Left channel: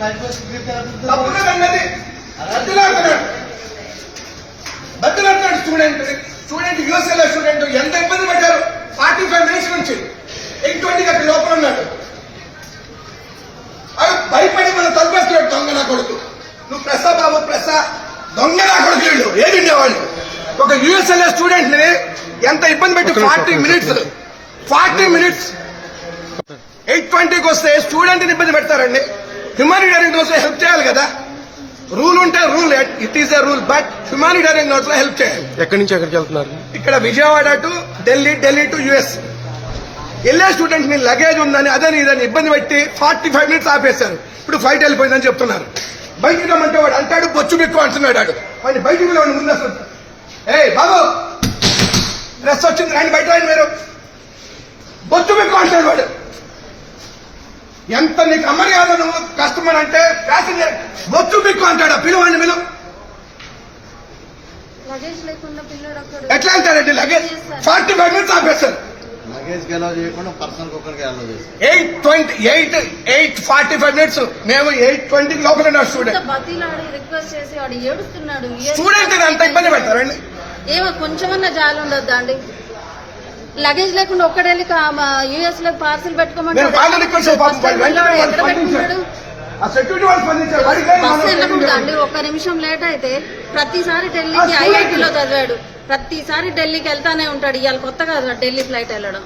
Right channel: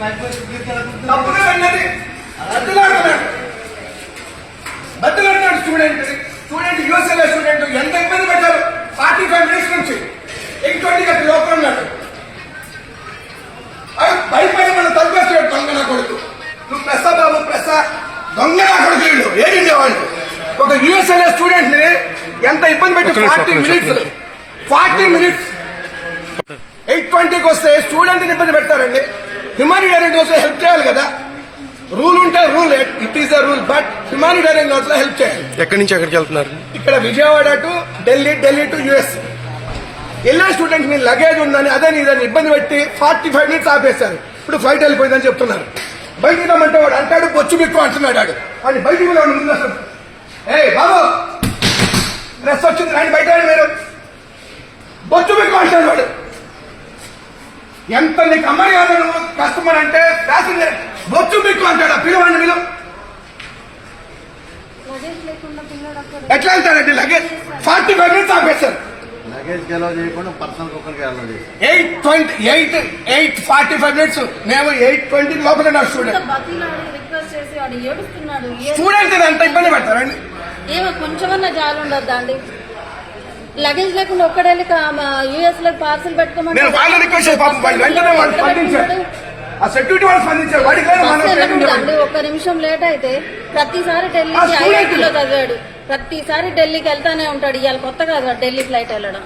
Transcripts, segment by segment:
తప్పులేదన్నది బతులాడుతున్నాడు student యూఎస్ఏలో student ఎంత ఇబ్బంది పడ్డారు 45 మినిట్స్ నుంచి 8:20 గంట లోపల ఉన్నాడు. భయపడి మనం తలుపేస్తున్నాడు. దొంగ నా కొడుకు, నువ్వు ప్రెస్సా బాబు ప్రెస్సా, దొంగ నా కొడుకు వీళ్ళు ఏడిండేవాళ్ళు. ఒక యూఎస్ఏలో స్టూడెంట్ ని ఎంత ఇబ్బంది పెట్టి 40 మినిట్స్ 8:20కి వస్తే స్టూడెంట్ ని ఇబ్బంది పెడతారండి. హ్యుమానిటేరియన్ నోట్స్ లో హెల్ప్ చేయాలి కదా. రూల్ ఉంటే rule, it is a rule, but humanitarian notes లో హెల్ప్ చేయాలి. ఎక్కడి నుంచి ఎక్కడికి వెళ్తున్నారు? ఇక్కడ Vijayawada to Delhi to US వెళ్ళే స్టూడెంట్స్ మీ లగేజ్ ఉందని అదని ఇదని ఇబ్బంది పెట్టి 45 మినిట్స్ ఆపేశారు. ఇప్పుడు ఫ్లైట్ వెళ్ళిపోయిందని చెప్తున్నారు. బయటికి రమ్మంటే వాడు అంటాడు బొచ్చు బిక్కు అంటున్నాడు. వాడిని బయటికి వెళ్ళి ముందు అసలు బాబు డ్రెస్ వచ్చింది రాండి బయట రాండి, మీరు బొచ్చు బిక్కు అంటాడు వాడు. ఎంత నీకు అమర్యాద నువ్వు కస్టమర్ అంటే ప్యాసింజర్ బొచ్చు బిక్కు అంటాడు. పిలువాడిని పిలువు. ఎట్లా వెళ్తాడండి లగేజ్? 45 మినిట్స్ ఆపేశారు. లగేజ్ కి అలా చేయకుండా పర్సనల్ కుక్కర్కి అలా చేసి 8:45 మినిట్స్ మేము 8:20 లోపల స్టూడెంట్ ఎంత ఇబ్బంది పెడతారండి. ఏమో కొంచెమన్నా జాలి ఉండద్దా అండి? లగేజ్ లేకుండా ఒక్కడెళ్ళి యూఎస్ లో పార్సల్ పెట్టుకోమని ఒక్క నిమిషం లేట్ అయితే ప్రతిసారి ఢిల్లీకి ఐఐటీలో చదివాడు, ప్రతిసారి ఢిల్లీకి వెళ్తానే ఉంటాడు. ఇవాళ కొత్త కాదు ఢిల్లీ ఫ్లైట్ వెళ్ళడం.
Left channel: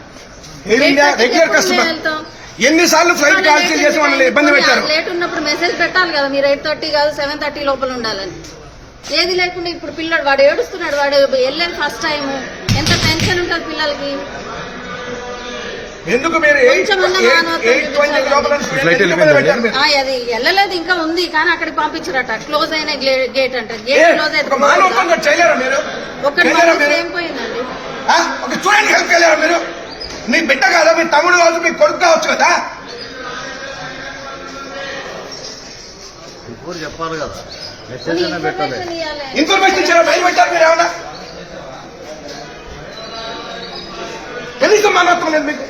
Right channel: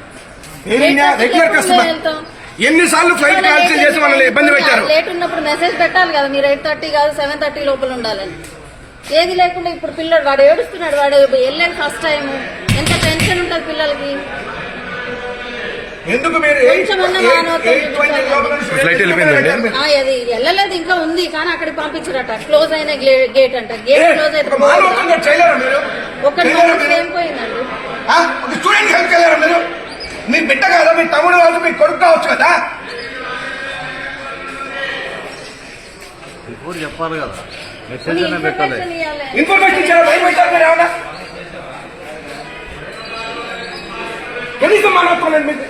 ఎన్నిసార్లు ఫ్లైట్ క్యాన్సిల్ చేసి మనల్ని ఇబ్బంది పెట్టారు. లేట్ ఉన్నప్పుడు మెసేజ్ పెట్టాలి కదా, మీరు 8:30 కాదు 7:30 లోపల ఉండాలని. ఏది లేకుండా ఇప్పుడు పిల్లడు వాడు ఏడుస్తున్నాడు. వాడు వెళ్ళేది ఫస్ట్ టైం, ఎంత టెన్షన్ ఉంటుంది పిల్లలకి. అది వెళ్ళలేదు ఇంకా ఉంది, కానీ అక్కడికి పంపించారట. క్లోజ్ అయిన గేట్ అంట. గేట్ క్లోజ్ అయితే ఒక్కటి ఏం పోయిందండి. మీ బిడ్డ కాదా, మీ తమ్ముడు కాదు, మీ కొడుకు కావచ్చు కదా. చెప్పాలి కదా, ఇన్ఫర్మేషన్ ఇచ్చారా? భయపెట్టారు మీరు ఏమన్నా? కనీసం మానవత్వం లేదు మీకు.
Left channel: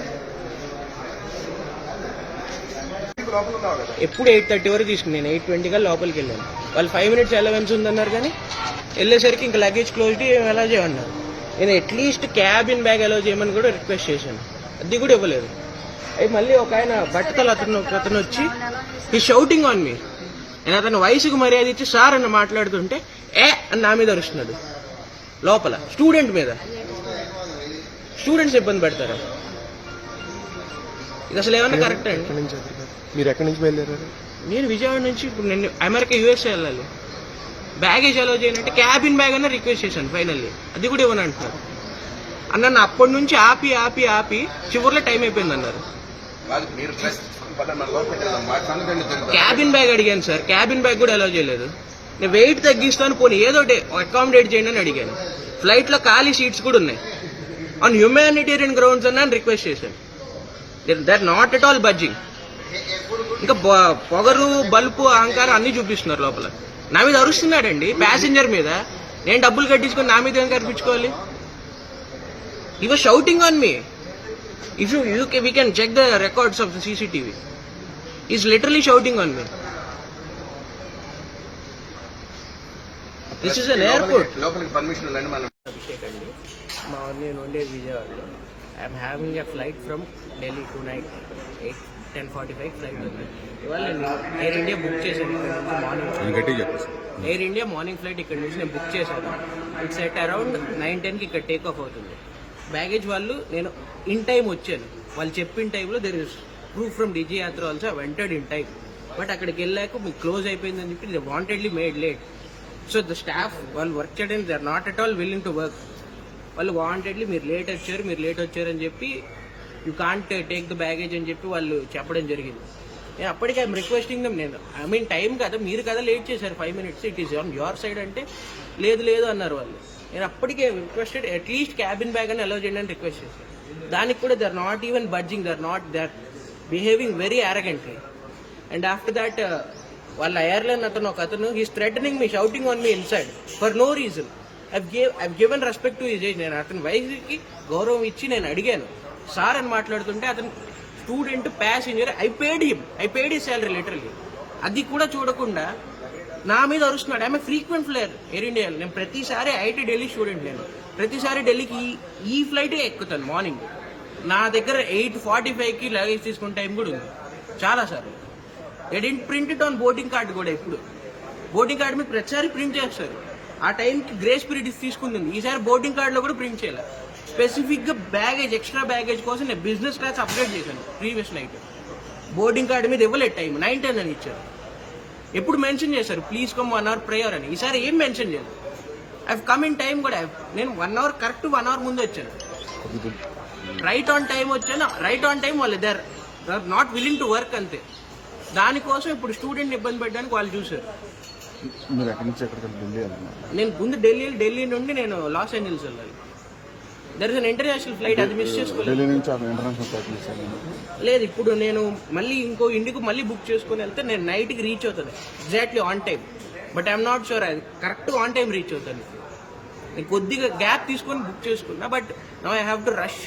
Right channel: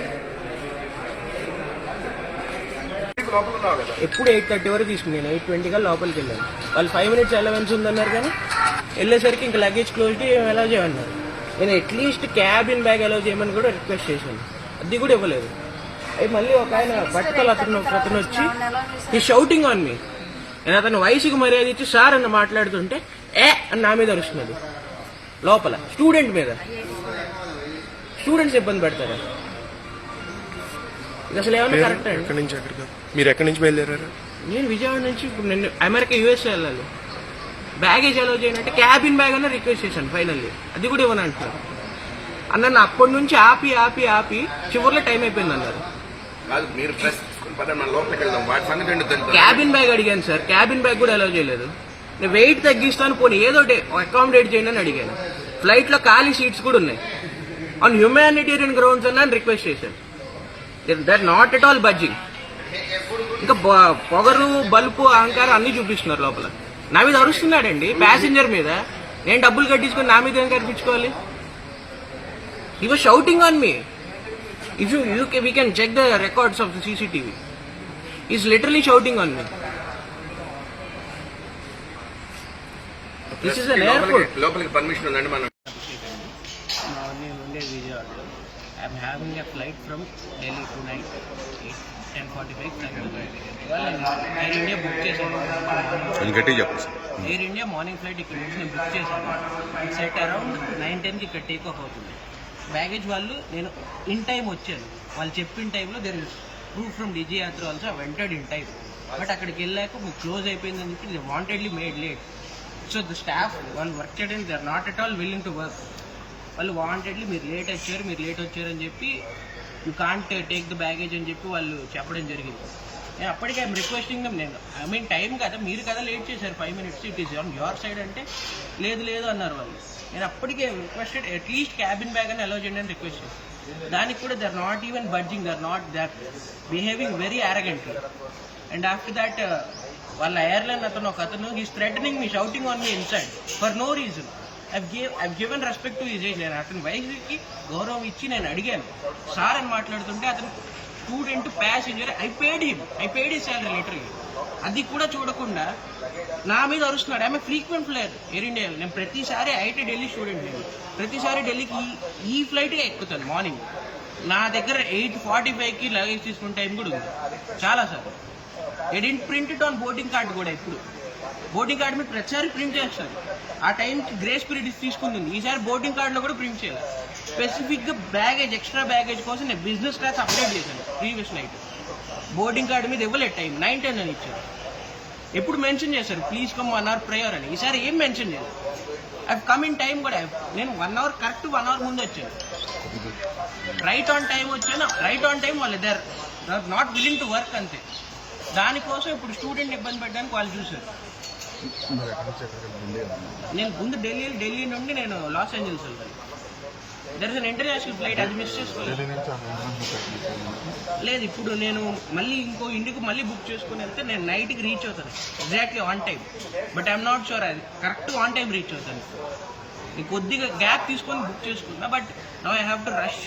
ఎప్పుడు 8:30 వరకు తీసుకుని నేను 8:20 గా లోపలికి వెళ్ళాను. వాళ్ళు 5 మినిట్స్ అలవెన్స్ ఉందన్నారు, కానీ వెళ్ళేసరికి ఇంకా లగేజ్ క్లోజిటీ అలౌ చేయమన్నారు. నేను అట్లీస్ట్ క్యాబిన్ బ్యాగ్ అలౌ చేయమని కూడా రిక్వెస్ట్ చేశాను, అది కూడా ఇవ్వలేదు. అవి మళ్ళీ ఒక ఆయన బట్టతల అతను వచ్చి ఈ షౌటింగ్ ఆన్ మీ. నేను అతను వయసుకు మర్యాద ఇచ్చి సార్ అని మాట్లాడుతుంటే అని నా మీద అరుస్తున్నాడు. లోపల స్టూడెంట్ మీద. స్టూడెంట్స్ ఇబ్బంది పెడతారు. ఇది అసలు ఏమన్నా కరెక్ట్ అండి? మీరు ఎక్కడి నుంచి బయలుదేరారు? నేను విజయవాడ నుంచి ఇప్పుడు నేను అమెరికా యూఎస్ఏ వెళ్ళాలి. బ్యాగేజ్ అలౌ చేయనంటే క్యాబిన్ బ్యాగ్ అన్న రిక్వెస్ట్ చేశాను. ఫైనల్లీ అది కూడా ఇవ్వను అంటున్నారు. అన్న అప్పటి నుంచి ఆపి చివరిలో టైం అయిపోయింది అన్నారు. క్యాబిన్ బ్యాగ్ అడిగాను సార్, క్యాబిన్ బ్యాగ్ కూడా అలౌ చేయలేదు. నేను వెయిట్ తగ్గిస్తాను, పోనీ ఏదో అకామిడేట్ చేయండి అని అడిగాను. ఫ్లైట్ లో ఖాళీ సీట్స్ కూడా ఉన్నాయి. ఆన్ హ్యూమానిటేరియన్ గ్రౌండ్స్ అన్న రిక్వెస్ట్ చేశాను. That not at all budging. ఇంకా పొగరు బల్పు అహంకారం అన్ని చూపిస్తున్నారు లోపల. నా మీద అరుస్తున్నాడండి ప్యాసింజర్ మీద. నేను డబ్బులు కట్టించుకొని నా మీద ఏం కనిపించుకోవాలి? He was shouting on me. If we can check the records of the CCTV. He's literally shouting on me. This is an airport. లోపలికి పర్మిషన్ ఉందండి మనం. నేను ఉండేది విజయవాడలో. I'm having a flight from Delhi to night 10:45 flight. ఇవాళ నేను air India book చేశాను. Air India morning flight ఇక్కడ నుంచి నేను బుక్ చేశాను. ఇట్స్ ఎట్ అరౌండ్ 9:10కి ఇక్కడ టేక్ ఆఫ్ అవుతుంది. బ్యాగేజ్ వాళ్ళు నేను ఇన్ టైం వచ్చాను. వాళ్ళు చెప్పిన టైంలో there is proof from DigiYatra also went in time. But అక్కడికి వెళ్ళాక క్లోజ్ అయిపోయిందని చెప్పి they wantedly made late. So the staff వాళ్ళు వర్క్ చేయడానికి they are not at all willing to work. వాళ్ళు వాంటెడ్లీ మీరు లేట్ వచ్చారు అని చెప్పి you can't take the baggage అని చెప్పి వాళ్ళు చెప్పడం జరిగింది. నేను అప్పటికి ఐఎమ్ రిక్వెస్టింగ్ దమ్. నేను ఐ మీన్ టైం కదా, మీరు కదా లేట్ చేశారు 5 minutes, it is on your side అంటే లేదు అన్నారు వాళ్ళు. నేను అప్పటికే రిక్వెస్టెడ్ అట్లీస్ట్ క్యాబిన్ బ్యాగ్ అని అలౌ చేయండి అని రిక్వెస్ట్ చేశాను. దానికి కూడా they are not even budging, they are behaving very arrogantly. And after that వాళ్ళ ఎయిర్లైన్ ఒక అతను he's threatening me, shouting on me inside for no reason. I've given respect to his age. నేను అతని వయసుకి గౌరవం ఇచ్చి నేను అడిగాను సార్ అని మాట్లాడుతుంటే అతను student passenger. I paid his salary literally. అది కూడా చూడకుండా నా మీద అరుస్తున్నాడు. ఆమె ఫ్రీక్వెంట్ ఫ్లైయర్ ఎయిర్ ఇండియాలో. నేను ప్రతిసారి ఐఐటి ఢిల్లీ స్టూడెంట్. నేను ప్రతిసారి ఢిల్లీకి ఈ ఫ్లైటే ఎక్కుతాను మార్నింగ్. నా దగ్గర 8:45కి లగేజ్ తీసుకునే టైం కూడా ఉంది చాలాసార్లు. Didn't print it on boarding card కూడా. ఇప్పుడు బోర్డింగ్ కార్డ్ మీద ప్రతిసారి ప్రింట్ చేస్తారు. ఆ టైంకి గ్రేస్ పీరియడ్ తీసుకుంటుంది. ఈసారి బోర్డింగ్ కార్డులో కూడా ప్రింట్ చేయాలి. స్పెసిఫిక్గా బ్యాగేజ్, ఎక్స్ట్రా బ్యాగేజ్ కోసం నేను బిజినెస్ క్లాస్ అప్డేట్ చేశాను ప్రీవియస్ నైట్. బోర్డింగ్ కార్డు మీద ఇవ్వలేదు టైం, 9:10 అని ఇచ్చారు. ఎప్పుడు మెన్షన్ చేశారు ప్లీజ్ కమ్ 1 hour ప్రేయర్ అని. ఈసారి ఏం మెన్షన్ చేయలేదు. ఐ కమ్ ఇన్ టైం కూడా. నేను 1 hour కరెక్ట్ 1 hour ముందు వచ్చాను. రైట్ ఆన్ టైం వచ్చాను. రైట్ ఆన్ టైం వాళ్ళు they are not willing to work అంతే. దానికోసం ఇప్పుడు స్టూడెంట్ ఇబ్బంది పెట్టడానికి వాళ్ళు చూశారు. నేను ముందు ఢిల్లీ నుండి నేను లాస్ ఏంజల్స్ వెళ్ళాలి. There is an international flight, అది మిస్ చేసుకోలేదు. లేదు, ఇప్పుడు నేను మళ్ళీ ఇండియాకు మళ్ళీ బుక్ చేసుకుని వెళ్తే నేను నైట్కి రీచ్ అవుతాను exactly on time. But I'm not sure అది కరెక్ట్ ఆన్ టైం రీచ్ అవుతాను. నేను కొద్దిగా గ్యాప్ తీసుకొని బుక్ చేసుకున్నా. But now I have to rush.